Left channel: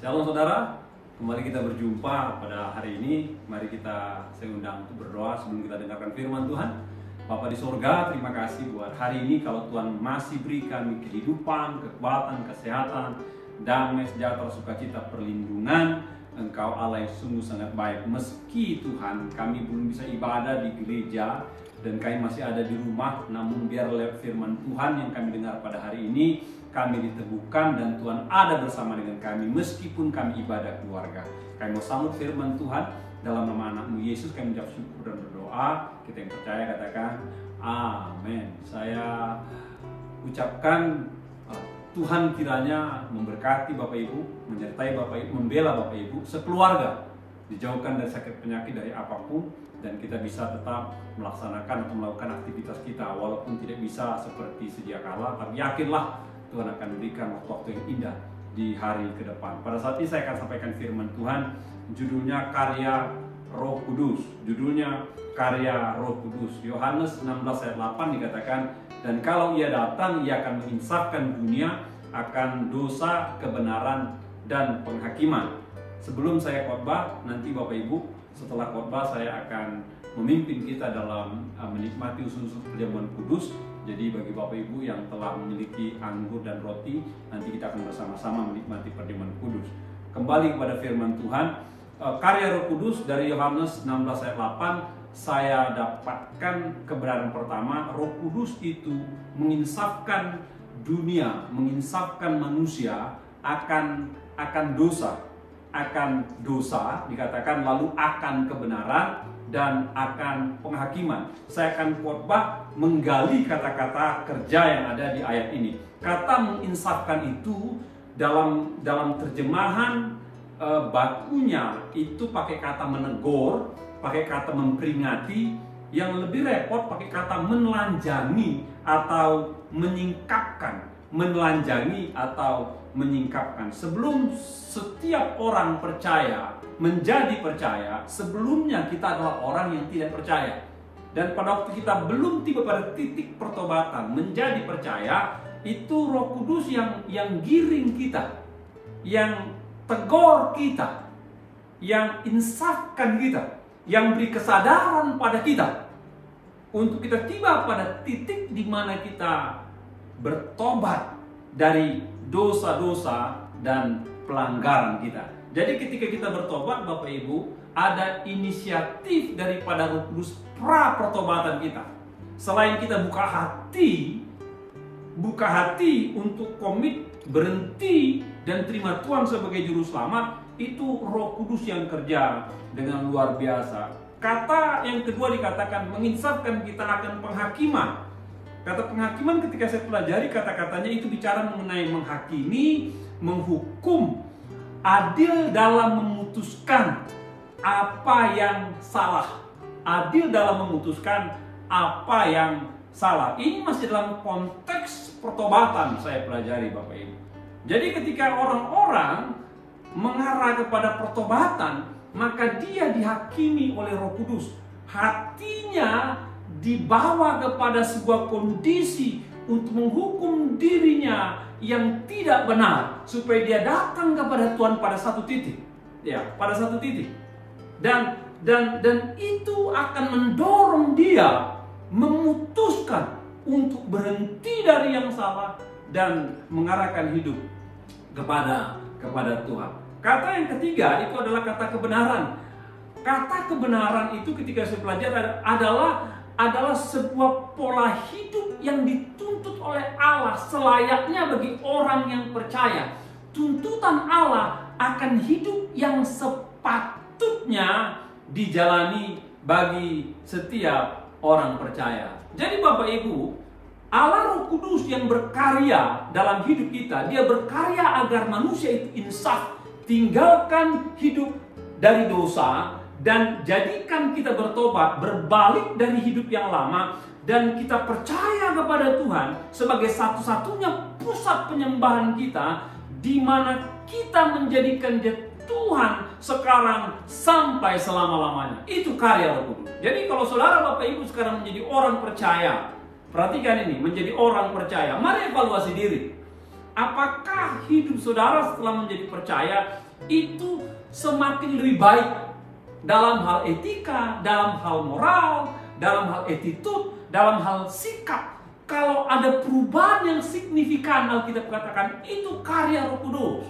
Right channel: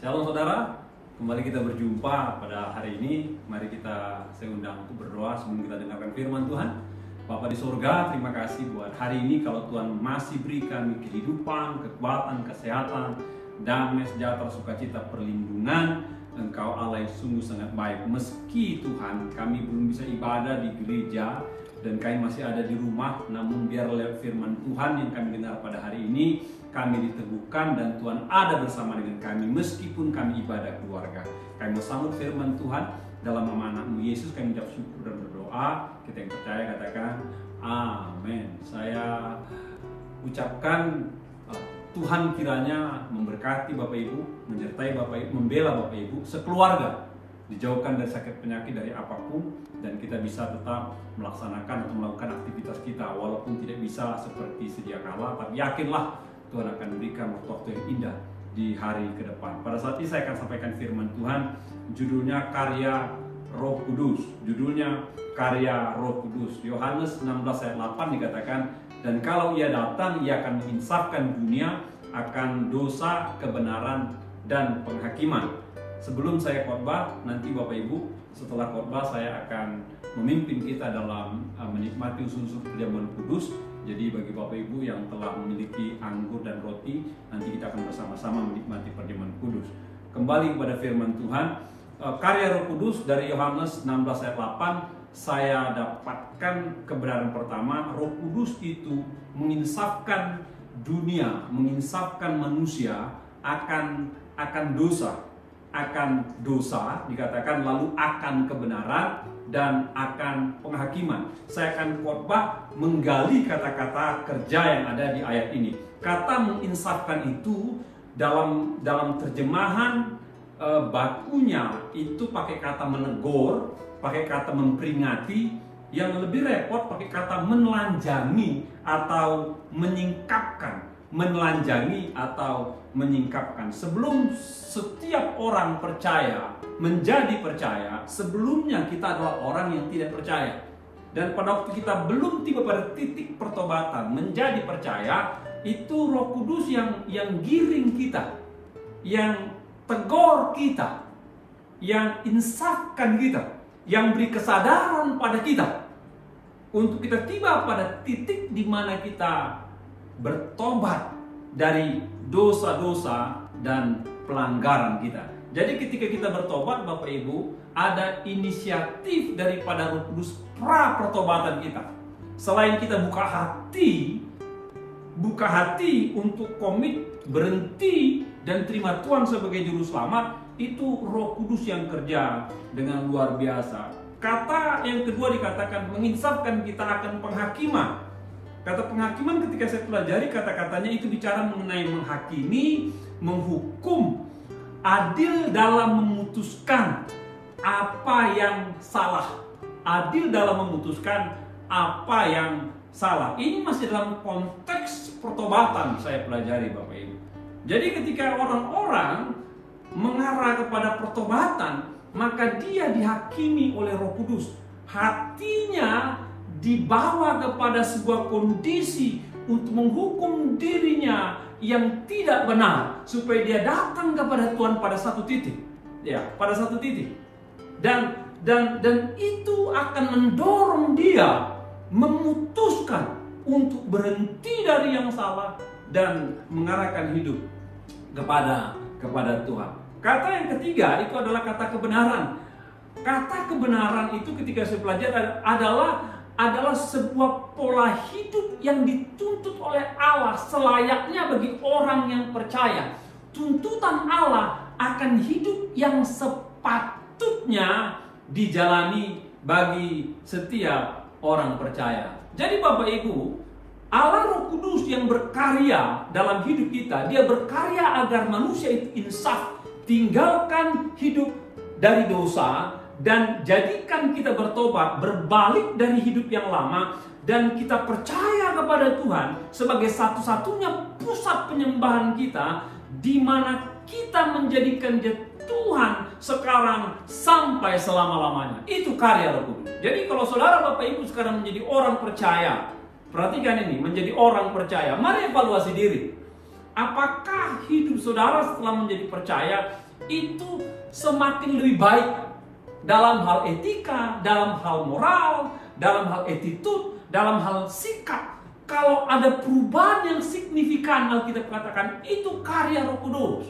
Shalom saudara, kembali kita berjumpa pada hari ini. Mari saya undang untuk berdoa sebelum kita dengarkan firman Tuhan. Bapa di surga, terima kasih buat hari ini. Kalau Tuhan masih beri kami kehidupan, kekuatan, kesehatan, damai, sejahtera, sukacita, perlindungan, Engkau Allah yang sungguh sangat baik. Meski Tuhan kami belum bisa ibadah di gereja dan kami masih ada di rumah, namun biar lewat firman Tuhan yang kami dengar pada hari ini, kami diteguhkan dan Tuhan ada bersama dengan kami meskipun kami ibadah keluarga. Kami mau sambut firman Tuhan dalam nama anak-Mu Yesus. Kami mengucap syukur dan berdoa. Kita yang percaya katakan amin. Saya ucapkan Tuhan kiranya memberkati Bapak Ibu, menyertai Bapak Ibu, membela Bapak Ibu sekeluarga, dijauhkan dari sakit penyakit, dari apapun, dan kita bisa tetap melaksanakan atau melakukan aktivitas kita walaupun tidak bisa seperti sedia kala, tapi yakinlah Tuhan akan berikan waktu-waktu yang indah di hari ke depan. Pada saat ini saya akan sampaikan firman Tuhan, judulnya Karya Roh Kudus. Judulnya Karya Roh Kudus. Yohanes 16 ayat 8 dikatakan, dan kalau ia datang, ia akan menginsafkan dunia akan dosa, kebenaran, dan penghakiman. Sebelum saya khotbah, nanti Bapak Ibu, setelah khotbah saya akan memimpin kita dalam menikmati usus perjamuan kudus. Jadi bagi Bapak Ibu yang telah memiliki anggur dan roti, nanti kita akan bersama-sama menikmati perjamuan kudus. Kembali kepada firman Tuhan, karya Roh Kudus dari Yohanes 16 ayat 8, saya dapatkan kebenaran pertama. Roh Kudus itu menginsafkan dunia, menginsafkan manusia akan dosa dikatakan, lalu akan kebenaran dan akan penghakiman. Saya akan khotbah menggali kata-kata kerja yang ada di ayat ini. Kata menginsafkan itu dalam terjemahan bakunya itu pakai kata menegur, pakai kata memperingati. Yang lebih repot pakai kata menelanjangi atau menyingkapkan. Menelanjangi atau menyingkapkan. Sebelum setiap orang percaya menjadi percaya, sebelumnya kita adalah orang yang tidak percaya. Dan pada waktu kita belum tiba pada titik pertobatan menjadi percaya, itu Roh Kudus yang giring kita, yang tegur kita, yang insafkan kita, yang beri kesadaran pada kita untuk kita tiba pada titik di mana kita bertobat dari dosa-dosa dan pelanggaran kita. Jadi ketika kita bertobat Bapak Ibu, ada inisiatif daripada Roh Kudus pra pertobatan kita. Selain kita buka hati untuk komit, berhenti dan terima Tuhan sebagai juru selamat, itu Roh Kudus yang kerja dengan luar biasa. Kata yang kedua dikatakan menginsafkan kita akan penghakiman. Kata penghakiman ketika saya pelajari kata-katanya itu bicara mengenai menghakimi, menghukum, adil dalam memutuskan apa yang salah. Adil dalam memutuskan apa yang salah. Ini masih dalam konteks pertobatan saya pelajari Bapak Ibu. Jadi ketika orang-orang mengarah kepada pertobatan, maka dia dihakimi oleh Roh Kudus. Hatinya dibawa kepada sebuah kondisi untuk menghukum dirinya yang tidak benar, supaya dia datang kepada Tuhan pada satu titik. Ya, pada satu titik. Dan itu akan mendorong dia memutuskan untuk berhenti dari yang salah dan mengarahkan hidup kepada Tuhan. Kata yang ketiga itu adalah kata kebenaran. Kata kebenaran itu ketika saya pelajari adalah sebuah pola hidup yang dituntut oleh Allah selayaknya bagi orang yang percaya. Tuntutan Allah akan hidup yang sepatutnya dijalani bagi setiap orang percaya. Jadi Bapak Ibu, Allah Roh Kudus yang berkarya dalam hidup kita, dia berkarya agar manusia itu insaf, tinggalkan hidup dari dosa, dan jadikan kita bertobat, berbalik dari hidup yang lama, dan kita percaya kepada Tuhan sebagai satu-satunya pusat penyembahan kita, di mana kita menjadikan dia Tuhan sekarang sampai selama-lamanya. Itu karya Roh Kudus. Jadi kalau saudara Bapak Ibu sekarang menjadi orang percaya, perhatikan ini, menjadi orang percaya, mari evaluasi diri. Apakah hidup saudara setelah menjadi percaya itu semakin lebih baik dalam hal etika, dalam hal moral, dalam hal attitude, dalam hal sikap. Kalau ada perubahan yang signifikan, Alkitab katakan itu karya Roh Kudus.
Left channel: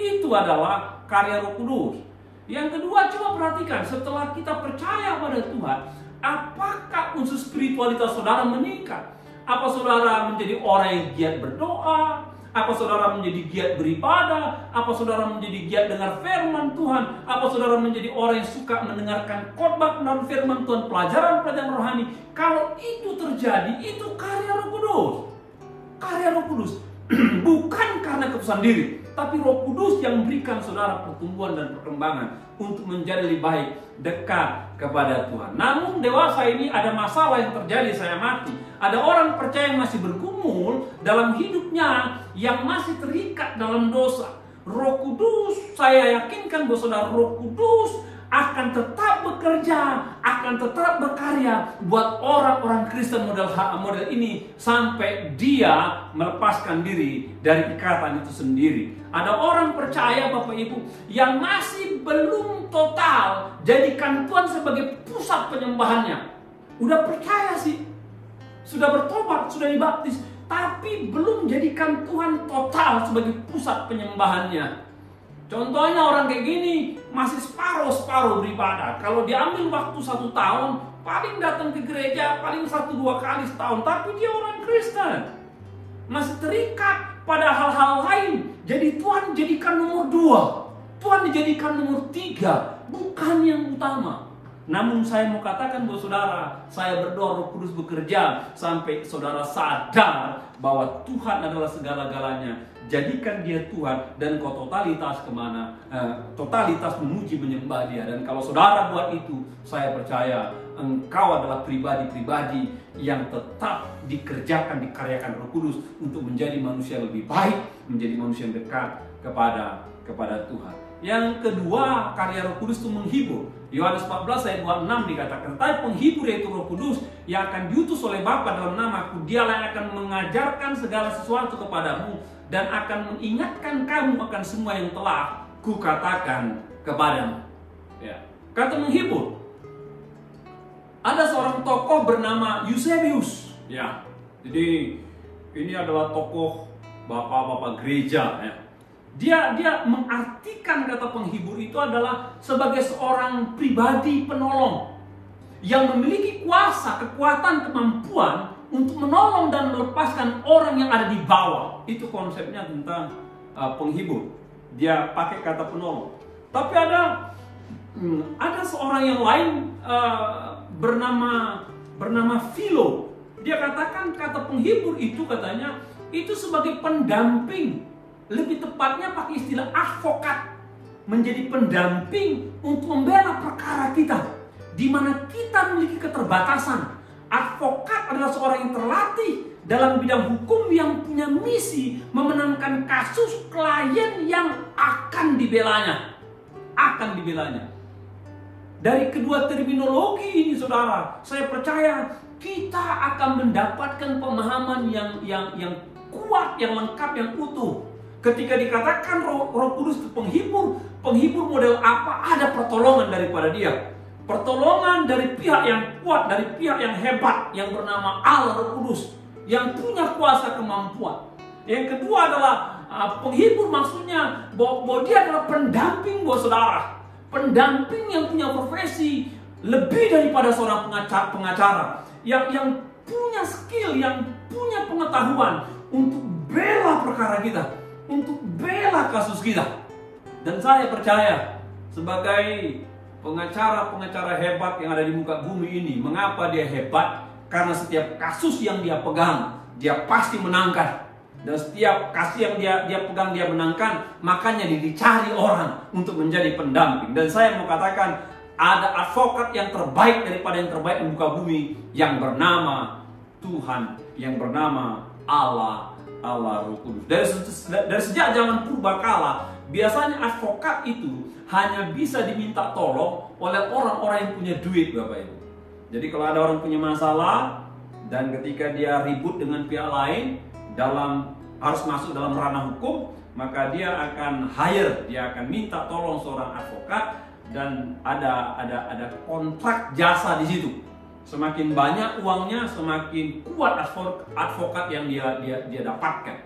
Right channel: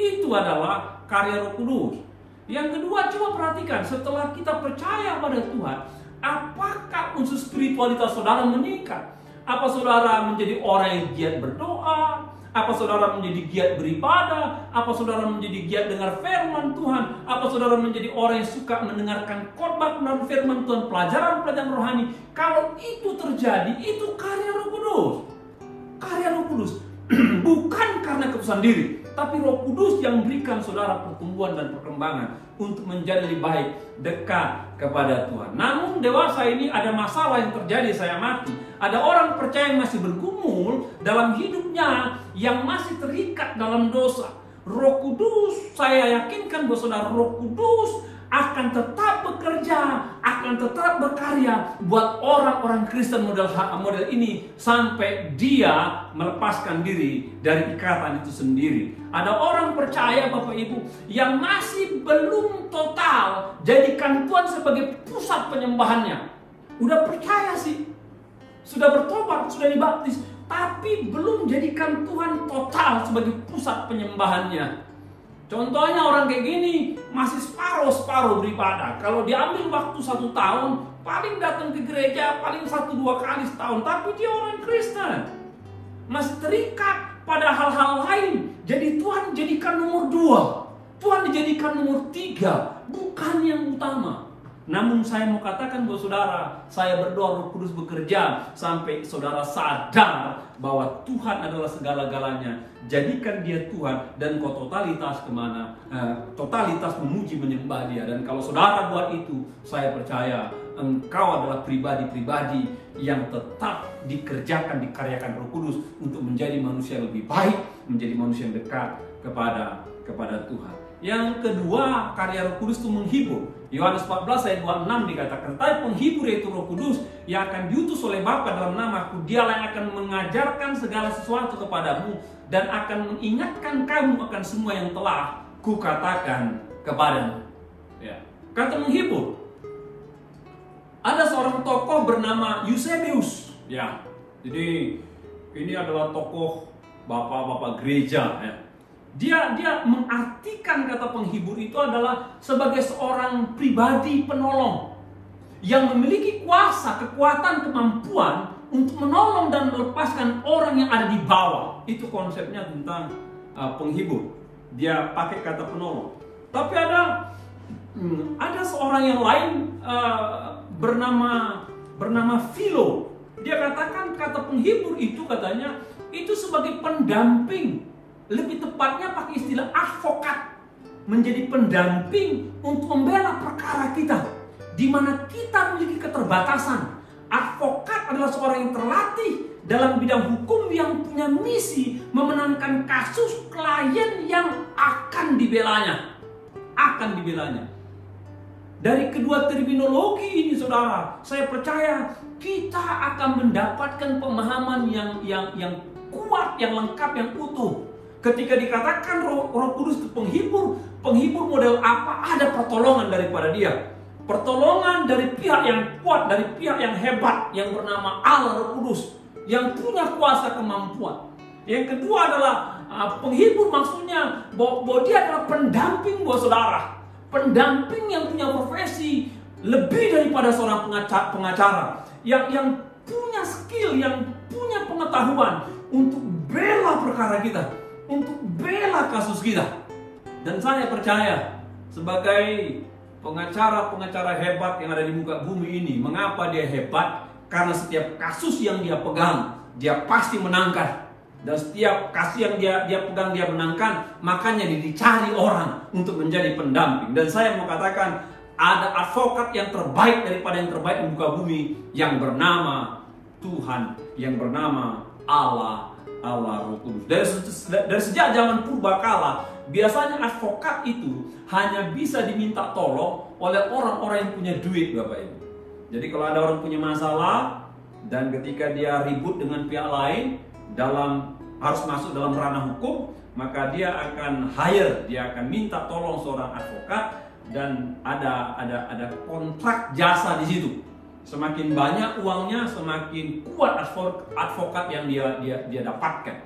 Itu adalah karya Roh Kudus. Yang kedua, coba perhatikan, setelah kita percaya pada Tuhan, apakah unsur spiritualitas saudara meningkat? Apa saudara menjadi orang yang giat berdoa? Apa saudara menjadi giat beribadah? Apa saudara menjadi giat dengar firman Tuhan? Apa saudara menjadi orang yang suka mendengarkan khotbah dan firman Tuhan, pelajaran-pelajaran rohani? Kalau itu terjadi, itu karya Roh Kudus. Karya Roh Kudus. Bukan karena keputusan diri, tapi Roh Kudus yang memberikan saudara pertumbuhan dan perkembangan untuk menjadi lebih baik, dekat kepada Tuhan. Namun dewasa ini ada masalah yang terjadi, saya amati. Ada orang percaya yang masih bergumul dalam hidupnya, yang masih terikat dalam dosa. Roh Kudus, saya yakinkan bahwa saudara, Roh Kudus akan tetap bekerja, akan tetap berkarya buat orang-orang Kristen model ini sampai dia melepaskan diri dari ikatan itu sendiri. Ada orang percaya, Bapak Ibu, yang masih belum total jadikan Tuhan sebagai pusat penyembahannya. Udah percaya sih, sudah bertobat, sudah dibaptis, tapi belum jadikan Tuhan total sebagai pusat penyembahannya. Contohnya orang kayak gini masih separuh-separuh beribadah. Kalau diambil waktu 1 tahun, paling datang ke gereja paling 1-2 kali setahun. Tapi dia orang Kristen, masih terikat pada hal-hal lain. Jadi Tuhan jadikan nomor 2, Tuhan dijadikan nomor 3, bukan yang utama. Namun saya mau katakan buat saudara, saya berdoa Roh Kudus bekerja sampai saudara sadar bahwa Tuhan adalah segala-galanya. Jadikan dia Tuhan dan kau totalitas kemana? Totalitas memuji menyembah dia. Dan kalau saudara buat itu, saya percaya engkau adalah pribadi-pribadi yang tetap dikerjakan, dikaryakan Roh Kudus untuk menjadi manusia lebih baik, menjadi manusia yang dekat kepada Tuhan. Yang kedua, karya Roh Kudus itu menghibur. Yohanes 14 ayat 26 dikatakan, "Tapi penghibur yaitu Roh Kudus yang akan diutus oleh Bapa dalam namaku, dialah yang akan mengajarkan segala sesuatu kepadamu dan akan mengingatkan kamu akan semua yang telah kukatakan kepadamu." Ya. Kata menghibur. Ada seorang tokoh bernama Eusebius. Ya. Jadi ini adalah tokoh bapak-bapak gereja. Ya. Dia mengartikan kata penghibur itu adalah sebagai seorang pribadi penolong yang memiliki kuasa, kekuatan, kemampuan untuk menolong dan melepaskan orang yang ada di bawah. Itu konsepnya tentang penghibur. Dia pakai kata penolong. Tapi ada seorang yang lain bernama Philo. Dia katakan kata penghibur itu katanya itu sebagai pendamping. Lebih tepatnya pakai istilah advokat, menjadi pendamping untuk membela perkara kita, di mana kita memiliki keterbatasan. Advokat adalah seorang yang terlatih dalam bidang hukum yang punya misi memenangkan kasus klien yang akan dibelanya. Dari kedua terminologi ini, saudara, saya percaya kita akan mendapatkan pemahaman yang kuat, yang lengkap, yang utuh. Ketika dikatakan Roh Kudus itu penghibur model apa? Ada pertolongan daripada dia. Pertolongan dari pihak yang kuat, dari pihak yang hebat, yang bernama Allah Roh Kudus, yang punya kuasa kemampuan. Yang kedua adalah penghibur, maksudnya bahwa dia adalah pendamping buat saudara. Pendamping yang punya profesi lebih daripada seorang pengacara. Yang punya skill, yang punya pengetahuan untuk bela perkara kita, untuk bela kasus kita. Dan saya percaya sebagai pengacara-pengacara hebat yang ada di muka bumi ini, mengapa dia hebat? Karena setiap kasus yang dia pegang, dia pasti menangkan. Dan setiap kasus yang dia pegang, dia menangkan. Makanya dia dicari orang untuk menjadi pendamping. Dan saya mau katakan, ada advokat yang terbaik daripada yang terbaik di muka bumi, yang bernama Tuhan, yang bernama Allah Roh Kudus. Dari sejak zaman purbakala, biasanya advokat itu hanya bisa diminta tolong oleh orang-orang yang punya duit, Bapak Ibu. Jadi kalau ada orang punya masalah dan ketika dia ribut dengan pihak lain, harus masuk dalam ranah hukum, maka dia akan hire, dia akan minta tolong seorang advokat, dan ada kontrak jasa di situ. Semakin banyak uangnya, semakin kuat advokat yang dia dapatkan.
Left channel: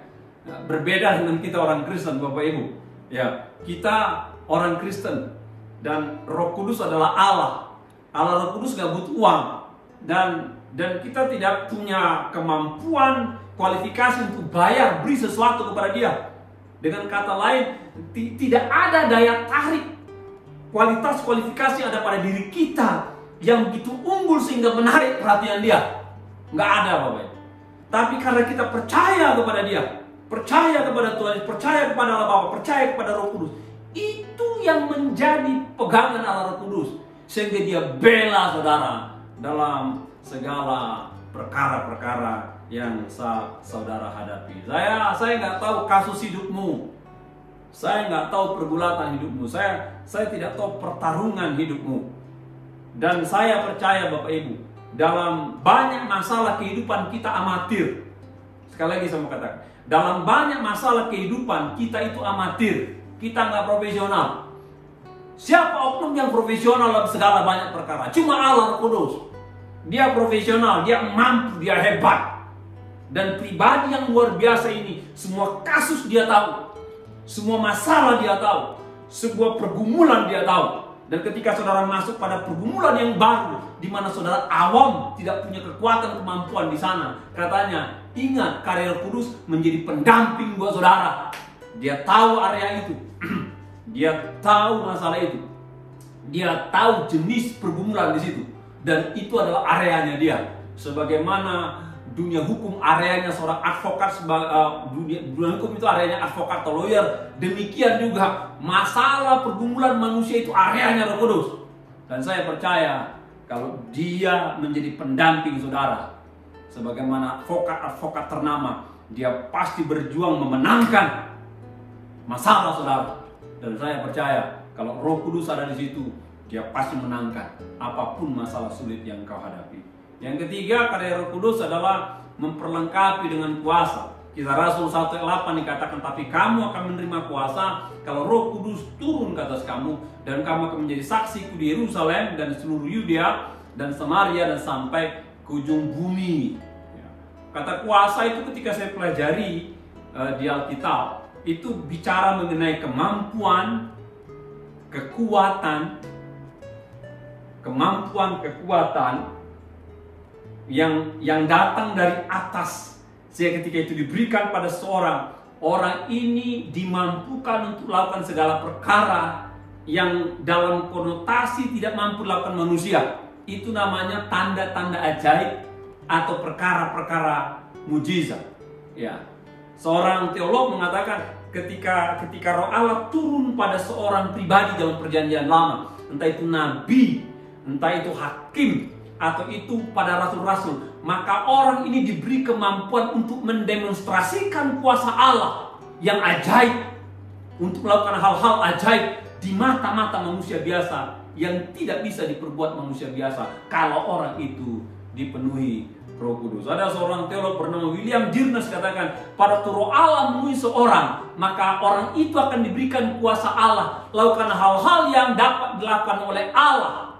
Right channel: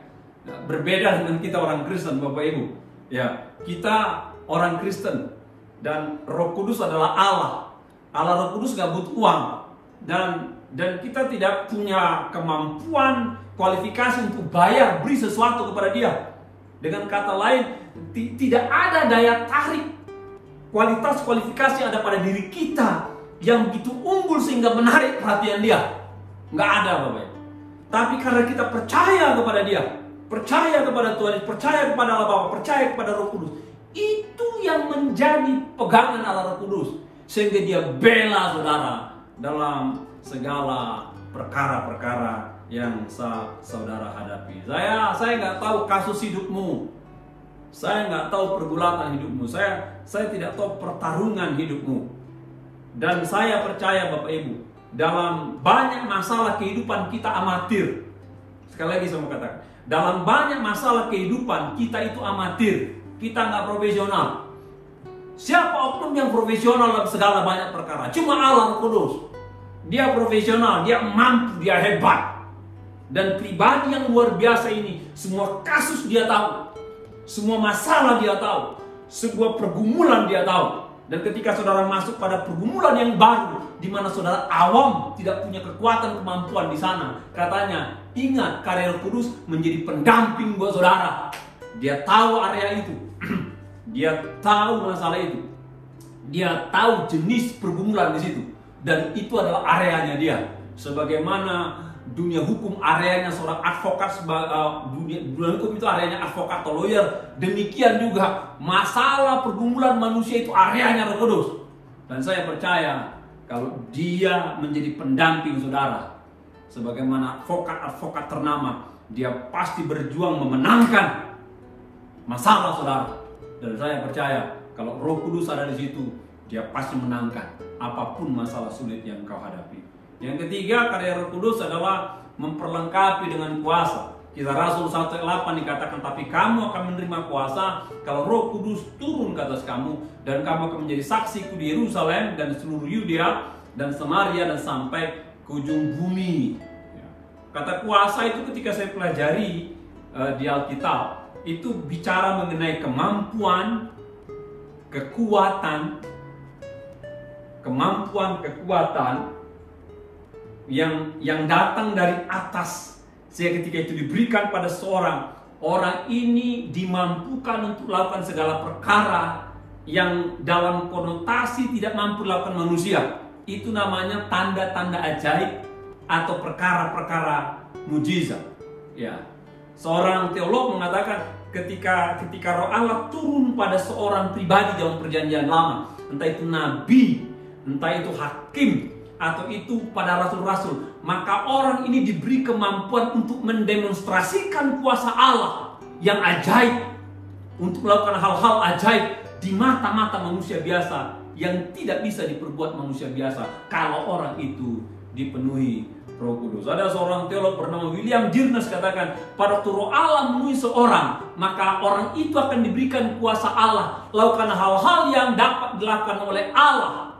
Nah, berbeda dengan kita orang Kristen, Bapak Ibu. Ya, kita orang Kristen dan Roh Kudus adalah Allah. Allah Roh Kudus gak butuh uang, dan kita tidak punya kemampuan, kualifikasi untuk beri sesuatu kepada dia. Dengan kata lain, tidak ada daya tarik, kualifikasi yang ada pada diri kita yang begitu unggul sehingga menarik perhatian dia. Nggak ada, Bapak Ibu. Tapi karena kita percaya kepada dia, percaya kepada Tuhan, percaya kepada Allah Bapa, percaya kepada Roh Kudus, itu yang menjadi pegangan Allah Roh Kudus, sehingga dia bela saudara dalam segala perkara-perkara yang saudara hadapi. Saya nggak tahu kasus hidupmu, saya nggak tahu pergulatan hidupmu, saya tidak tahu pertarungan hidupmu, dan saya percaya Bapak Ibu, dalam banyak masalah kehidupan kita amatir. Sekali lagi saya mau katakan, dalam banyak masalah kehidupan kita itu amatir, kita nggak profesional. Siapa oknum yang profesional dalam segala banyak perkara? Cuma Allah Roh Kudus. Dia profesional, dia mampu, dia hebat. Dan pribadi yang luar biasa ini, semua kasus dia tahu, semua masalah dia tahu, sebuah pergumulan dia tahu. Dan ketika saudara masuk pada pergumulan yang baru, di mana saudara awam tidak punya kekuatan kemampuan di sana, katanya, ingat karya Roh Kudus menjadi pendamping buat saudara. Dia tahu area itu, dia tahu masalah itu, dia tahu jenis pergumulan di situ, dan itu adalah areanya dia. Sebagaimana dunia hukum areanya seorang advokat, dunia hukum itu areanya advokat atau lawyer, demikian juga masalah pergumulan manusia itu areanya Roh Kudus. Dan saya percaya kalau dia menjadi pendamping saudara, sebagaimana advokat ternama, dia pasti berjuang memenangkan masalah saudara. Dan saya percaya kalau Roh Kudus ada di situ, dia pasti menangkan apapun masalah sulit yang kau hadapi. Yang ketiga, karya Roh Kudus adalah memperlengkapi dengan kuasa. Kisah Rasul 1:8 dikatakan, tapi kamu akan menerima kuasa kalau Roh Kudus turun ke atas kamu, dan kamu akan menjadi saksiku di Yerusalem dan seluruh Yudea dan Samaria dan sampai ke ujung bumi. Kata kuasa itu ketika saya pelajari di Alkitab, itu bicara mengenai kemampuan, kekuatan yang datang dari atas, sehingga ketika itu diberikan pada seorang, orang ini dimampukan untuk melakukan segala perkara yang dalam konotasi tidak mampu dilakukan manusia. Itu namanya tanda-tanda ajaib atau perkara-perkara mujizat. Ya, seorang teolog mengatakan ketika Roh Allah turun pada seorang pribadi dalam Perjanjian Lama, entah itu nabi, entah itu hakim, atau itu pada rasul-rasul, maka orang ini diberi kemampuan untuk mendemonstrasikan kuasa Allah yang ajaib, untuk melakukan hal-hal ajaib di mata-mata manusia biasa yang tidak bisa diperbuat manusia biasa kalau orang itu dipenuhi Roh Kudus. Ada seorang teolog bernama William Dirnes katakan, pada waktu Roh Allah memenuhi seorang, maka orang itu akan diberikan kuasa Allah, lakukan hal-hal yang dapat dilakukan oleh Allah.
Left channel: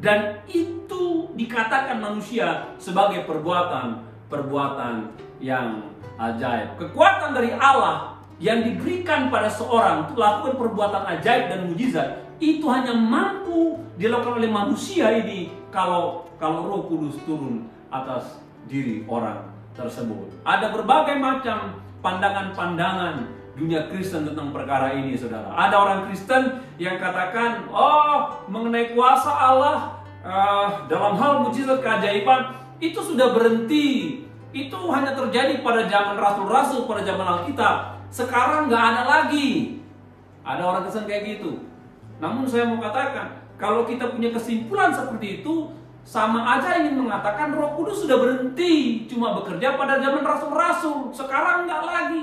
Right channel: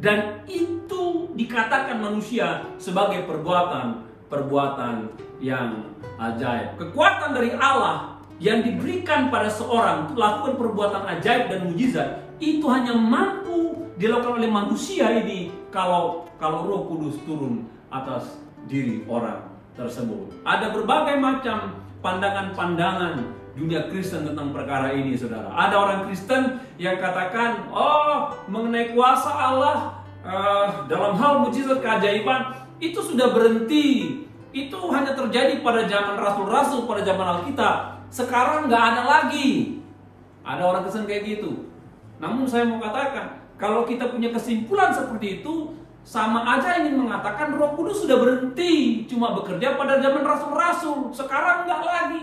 Dan itu dikatakan manusia sebagai perbuatan yang ajaib. Kekuatan dari Allah yang diberikan pada seorang untuk lakukan perbuatan ajaib dan mujizat, itu hanya mampu dilakukan oleh manusia ini kalau Roh Kudus turun atas diri orang tersebut. Ada berbagai macam pandangan-pandangan dunia Kristen tentang perkara ini, saudara. Ada orang Kristen yang katakan, mengenai kuasa Allah dalam hal mujizat keajaiban itu sudah berhenti. Itu hanya terjadi pada zaman rasul-rasul, pada zaman Alkitab. Sekarang nggak ada lagi. Ada orang Kristen kayak gitu. Namun saya mau katakan, kalau kita punya kesimpulan seperti itu, sama aja ingin mengatakan Roh Kudus sudah berhenti, cuma bekerja pada zaman rasul-rasul. Sekarang nggak lagi.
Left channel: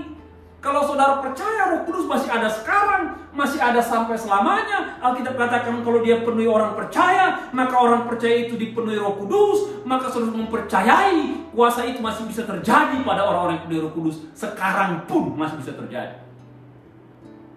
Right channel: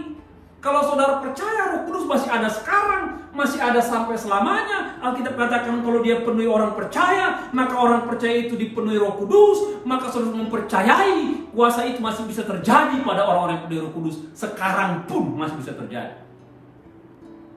Kalau saudara percaya Roh Kudus masih ada sekarang, masih ada sampai selamanya. Alkitab katakan kalau dia penuhi orang percaya, maka orang percaya itu dipenuhi Roh Kudus, maka saudara mempercayai kuasa itu masih bisa terjadi pada orang-orang yang penuh Roh Kudus. Sekarang pun masih bisa terjadi.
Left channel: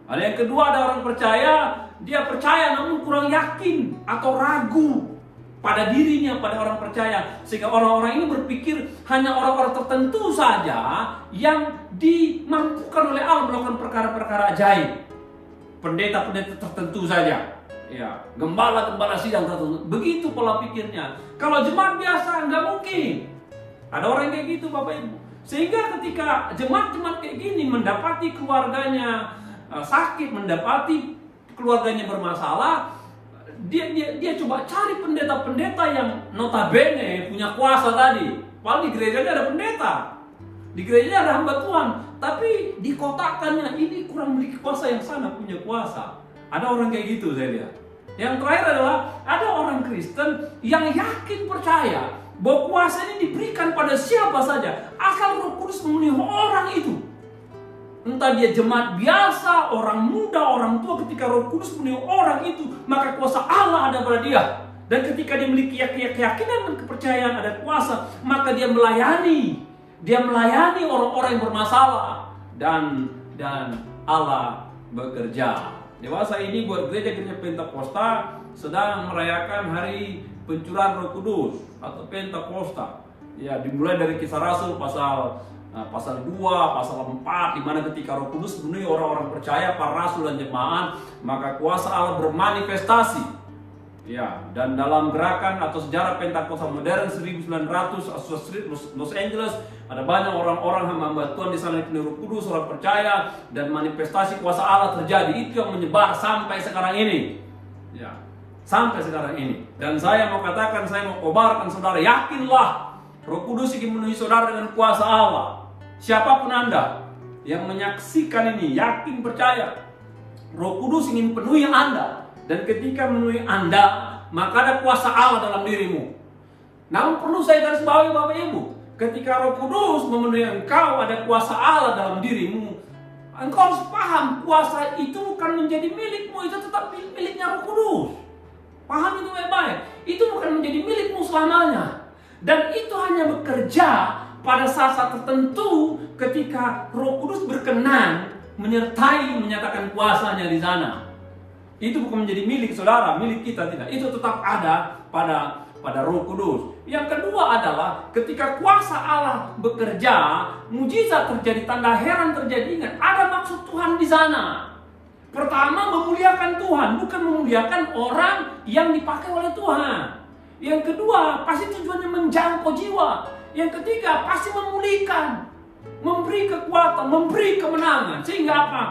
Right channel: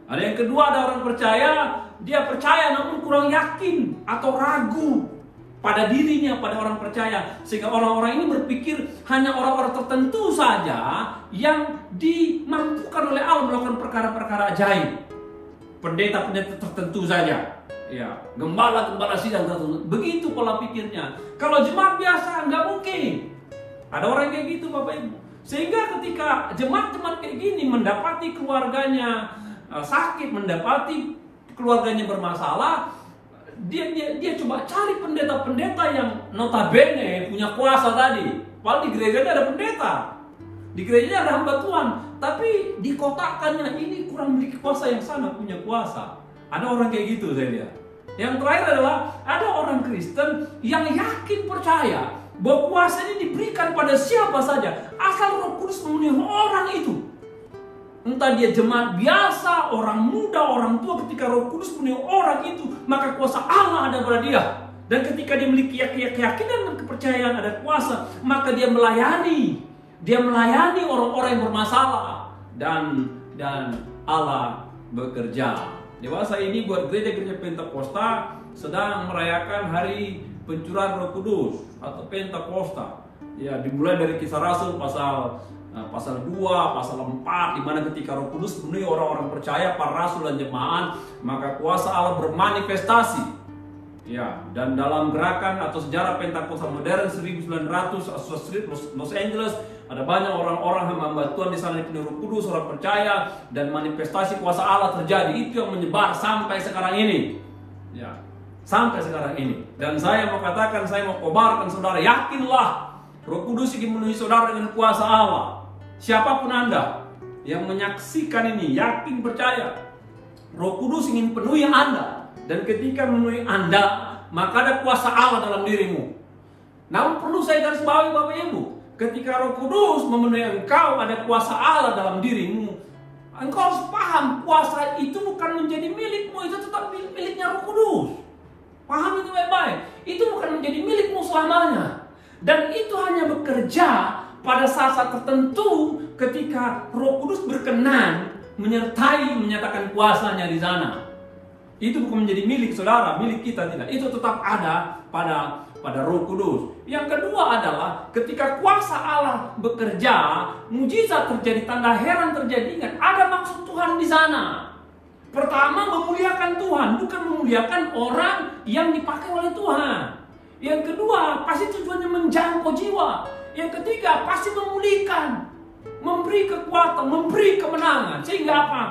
Ada yang kedua, ada orang percaya, dia percaya namun kurang yakin atau ragu pada dirinya, pada orang percaya. Sehingga orang-orang ini berpikir hanya orang-orang tertentu saja yang dimampukan oleh Allah melakukan perkara-perkara ajaib. Pendeta-pendeta tertentu saja. Ya, gembala-gembala sidang tertentu. Begitu pola pikirnya. Kalau jemaat biasa nggak mungkin. Ada orang kayak gitu Bapak Ibu. Sehingga ketika jemaat-jemaat kayak gini mendapati keluarganya sakit, mendapati keluarganya bermasalah, dia coba cari pendeta-pendeta yang notabene punya kuasa tadi. Padahal di gerejanya ada pendeta, di gerejanya ada hamba Tuhan, tapi dikotakkannya ini kurang memiliki kuasa, yang sana punya kuasa. Ada orang kayak gitu saya lihat. Yang terakhir adalah ada orang Kristen yang yakin percaya bahwa kuasa ini diberikan pada siapa saja asal Roh Kudus memenuhi orang itu. Entah dia jemaat biasa, orang muda, orang tua, ketika Roh Kudus memenuhi orang itu, maka kuasa Allah ada pada dia. Dan ketika dia memiliki keyakinan dan kepercayaan ada kuasa, maka dia melayani. Dia melayani orang-orang yang bermasalah. Dan Allah bekerja. Dewasa ini buat gereja-gereja Pentakosta sedang merayakan hari pencurahan Roh Kudus atau Pentakosta. Ya, dimulai dari Kisah Rasul pasal 2, pasal 4, di mana ketika Roh Kudus memenuhi orang-orang percaya, para rasul dan jemaat, maka kuasa Allah bermanifestasi. Ya, dan dalam gerakan atau sejarah Pentakosta modern 1900 Los Angeles, ada banyak orang-orang hamba Tuhan di sana yang penuh Roh Kudus, orang percaya, dan manifestasi kuasa Allah terjadi. Itu yang menyebar sampai sekarang ini. Ya, sampai sekarang ini. Dan saya mau katakan, saya mau kobarkan saudara, yakinlah Roh Kudus ingin memenuhi saudara dengan kuasa Allah. Siapapun Anda yang menyaksikan ini, yakin percaya Roh Kudus ingin penuhi Anda. Dan ketika memenuhi Anda, maka ada kuasa Allah dalam dirimu. Namun perlu saya garis bawahi Bapak Ibu, ketika Roh Kudus memenuhi engkau, ada kuasa Allah dalam dirimu. Engkau harus paham, kuasa itu bukan menjadi milikmu, itu tetap miliknya Roh Kudus. Paham itu baik-baik. Itu bukan menjadi milikmu selamanya. Dan itu hanya bekerja pada saat-saat tertentu ketika Roh Kudus berkenan menyertai, menyatakan kuasanya di sana. Itu bukan menjadi milik saudara, milik kita, tidak. Itu tetap ada pada Roh Kudus. Yang kedua adalah ketika kuasa Allah bekerja, mujizat terjadi, tanda heran terjadi. Ingat, ada maksud Tuhan di sana. Pertama, memuliakan Tuhan, bukan memuliakan orang yang dipakai oleh Tuhan. Yang kedua, pasti tujuannya menjangkau jiwa. Yang ketiga, pasti memulihkan, memberi kekuatan, memberi kemenangan. Sehingga apa?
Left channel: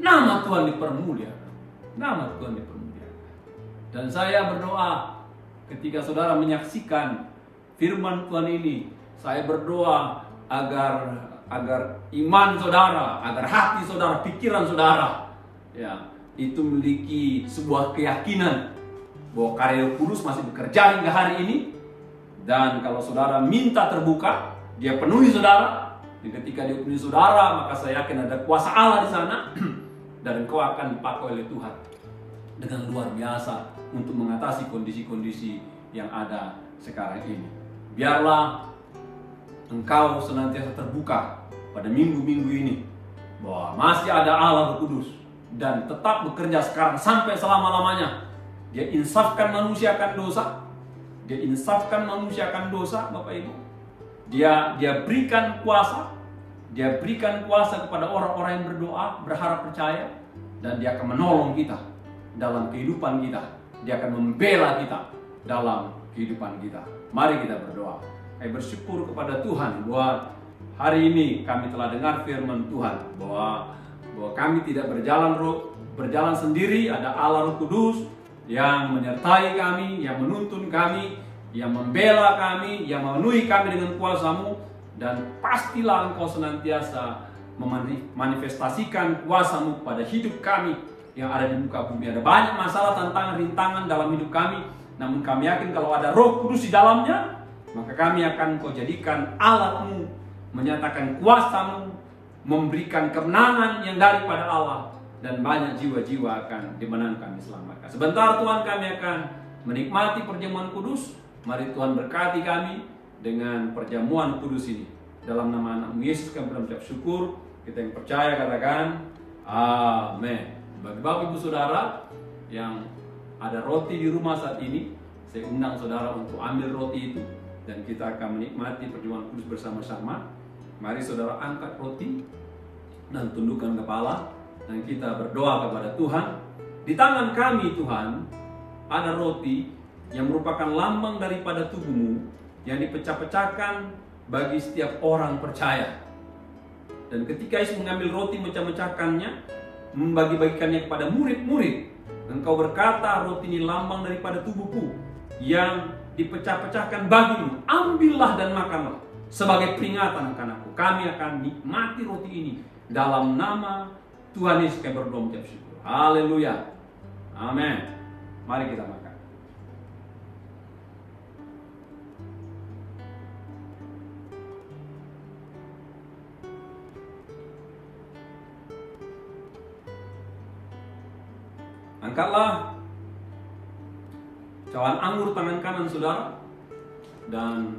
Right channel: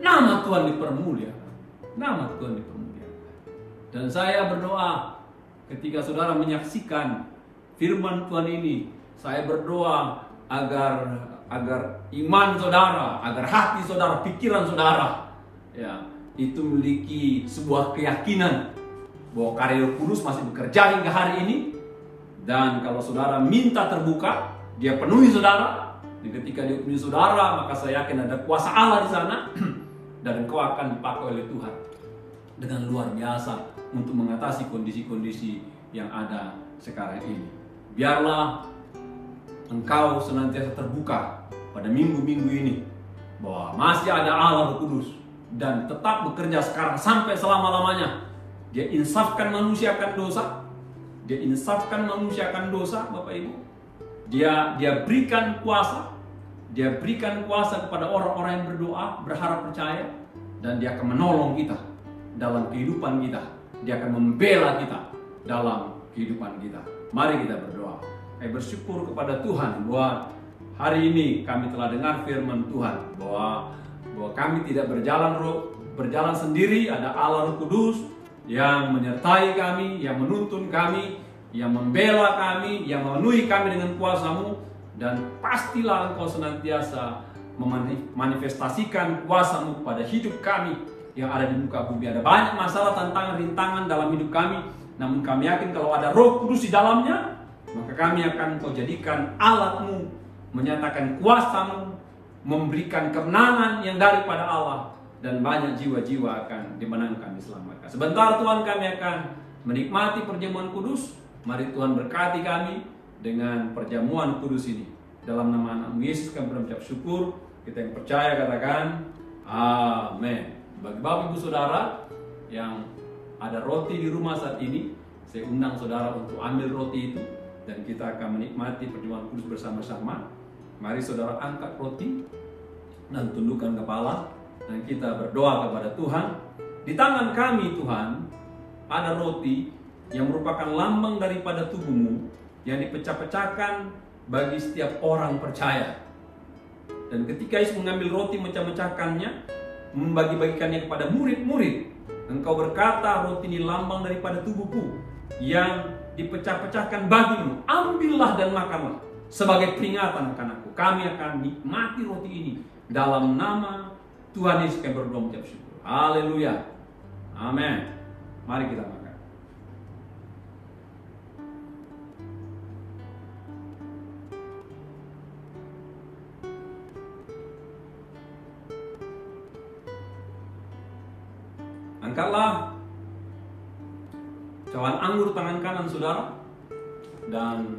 Nama Tuhan dipermuliakan. Nama Tuhan dipermuliakan. Dan saya berdoa ketika saudara menyaksikan firman Tuhan ini, saya berdoa agar iman saudara, agar hati saudara, pikiran saudara, ya, itu memiliki sebuah keyakinan bahwa karya Roh Kudus masih bekerja hingga hari ini. Dan kalau saudara minta terbuka, dia penuhi saudara. Dan ketika dia penuhi saudara, maka saya yakin ada kuasa Allah di sana. Dan engkau akan dipakai oleh Tuhan dengan luar biasa untuk mengatasi kondisi-kondisi yang ada sekarang ini. Biarlah engkau senantiasa terbuka pada minggu-minggu ini bahwa masih ada Allah Roh Kudus dan tetap bekerja sekarang sampai selama-lamanya. Dia insafkan manusia akan dosa. Dia insafkan manusia akan dosa, Bapak Ibu. Dia berikan kuasa. Dia berikan kuasa kepada orang-orang yang berdoa, berharap percaya. Dan dia akan menolong kita dalam kehidupan kita. Dia akan membela kita dalam kehidupan kita. Mari kita berdoa. Saya bersyukur kepada Tuhan bahwa hari ini kami telah dengar firman Tuhan. Bahwa kami tidak berjalan sendiri. Ada Allah Roh Kudus yang menyertai kami, yang menuntun kami, yang membela kami, yang memenuhi kami dengan kuasa-Mu. Dan pastilah Engkau senantiasa memanifestasikan kuasa-Mu pada hidup kami yang ada di muka bumi. Ada banyak masalah, tantangan, rintangan dalam hidup kami. Namun kami yakin kalau ada Roh Kudus di dalamnya, maka kami akan Engkau jadikan alat-Mu, menyatakan kuasa-Mu, memberikan kemenangan yang daripada Allah. Dan banyak jiwa-jiwa akan dimenangkan, diselamatkan. Sebentar Tuhan, kami akan menikmati perjamuan kudus. Mari Tuhan berkati kami. dengan perjamuan kudus ini. Dalam nama anak-Mu Yesus kami mengucap syukur. Kita yang percaya katakan amin. Bagi Bapak Ibu Saudara yang ada roti di rumah saat ini, saya undang saudara untuk ambil roti itu dan kita akan menikmati perjamuan kudus bersama-sama. Mari saudara angkat roti dan tundukkan kepala dan kita berdoa kepada Tuhan. Di tangan kami Tuhan ada roti yang merupakan lambang daripada tubuh-Mu yang dipecah-pecahkan bagi setiap orang percaya. Dan ketika Yesus mengambil roti mecah-mecahkannya, membagi-bagikannya kepada murid-murid, Engkau berkata, roti ini lambang daripada tubuhku yang dipecah-pecahkan bagimu. Ambillah dan makanlah sebagai peringatan akan aku. Kami akan nikmati roti ini dalam nama Tuhan Yesus kami berdoa mengucap syukur. Haleluya. Amin. Mari kita makan. Angkatlah cawan anggur tangan kanan saudara dan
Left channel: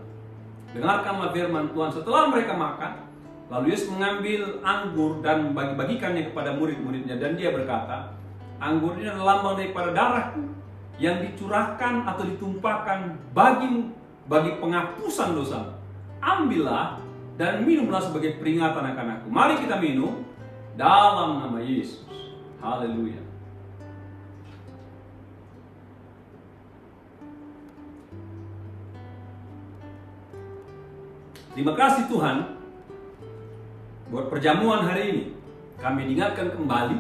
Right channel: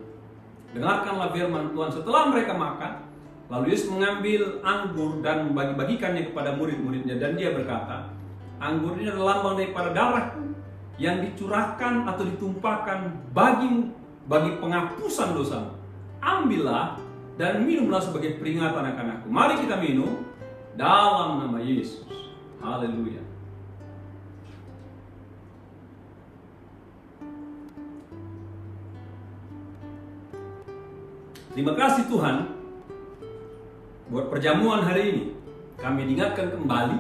dengarkanlah firman Tuhan. Setelah mereka makan, lalu Yesus mengambil anggur dan membagi-bagikannya kepada murid-muridnya dan dia berkata, anggur ini adalah lambang daripada darahku yang dicurahkan atau ditumpahkan bagimu bagi penghapusan dosamu. Ambillah dan minumlah sebagai peringatan akan aku. Mari kita minum dalam nama Yesus. Haleluya. Terima kasih Tuhan buat perjamuan hari ini. Kami diingatkan kembali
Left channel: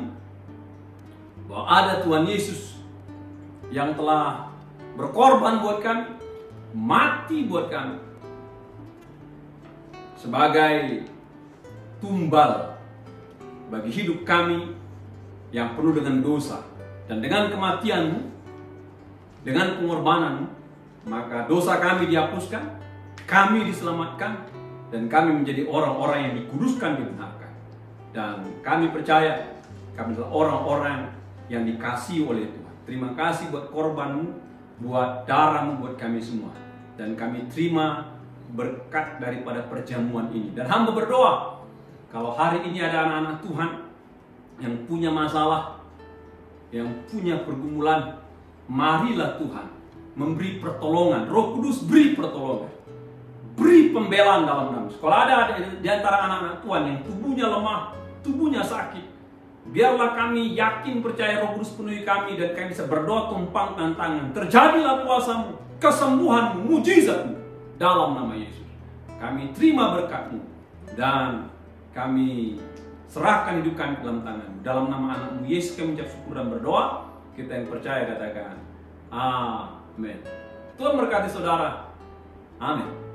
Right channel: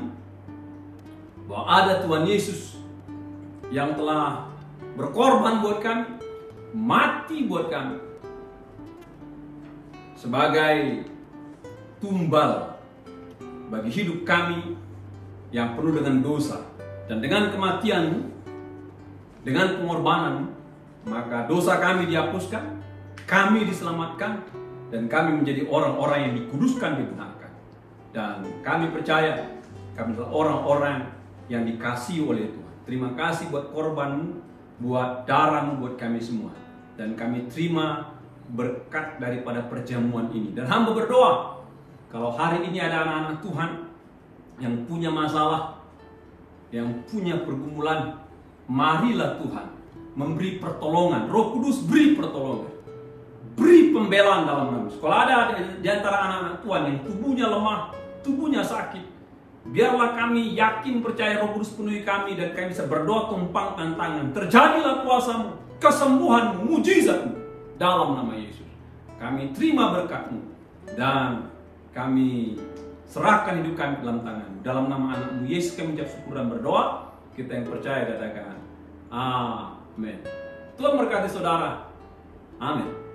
bahwa ada Tuhan Yesus yang telah berkorban buat kami, mati buat kami sebagai tumbal bagi hidup kami yang penuh dengan dosa. Dan dengan kematian-Mu, dengan pengorbanan-Mu, maka dosa kami dihapuskan, kami diselamatkan, dan kami menjadi orang-orang yang dikuduskan, dibenarkan. Dan kami percaya kami adalah orang-orang yang dikasihi oleh Tuhan. Terima kasih buat korban-Mu, buat darah-Mu buat kami semua. Dan kami terima berkat daripada perjamuan ini. Dan hamba berdoa, kalau hari ini ada anak-anak Tuhan yang punya masalah, yang punya pergumulan, marilah Tuhan memberi pertolongan. Roh Kudus beri pertolongan, beri pembelaan dalam nama. Kalau ada di antara anak-anak Tuhan yang tubuhnya lemah, tubuhnya sakit, biarlah kami yakin percaya Roh Kudus penuhi kami dan kami bisa berdoa tumpangkan tangan. Terjadilah kuasa-Mu, kesembuhan-Mu, mujizat-Mu dalam nama Yesus. Kami terima berkat-Mu dan kami serahkan hidup kami dalam tangan-Mu. Dalam nama anak-Mu Yesus kami mengucap syukur dan berdoa. Kita yang percaya katakan amin. Tuhan berkati saudara. Amin.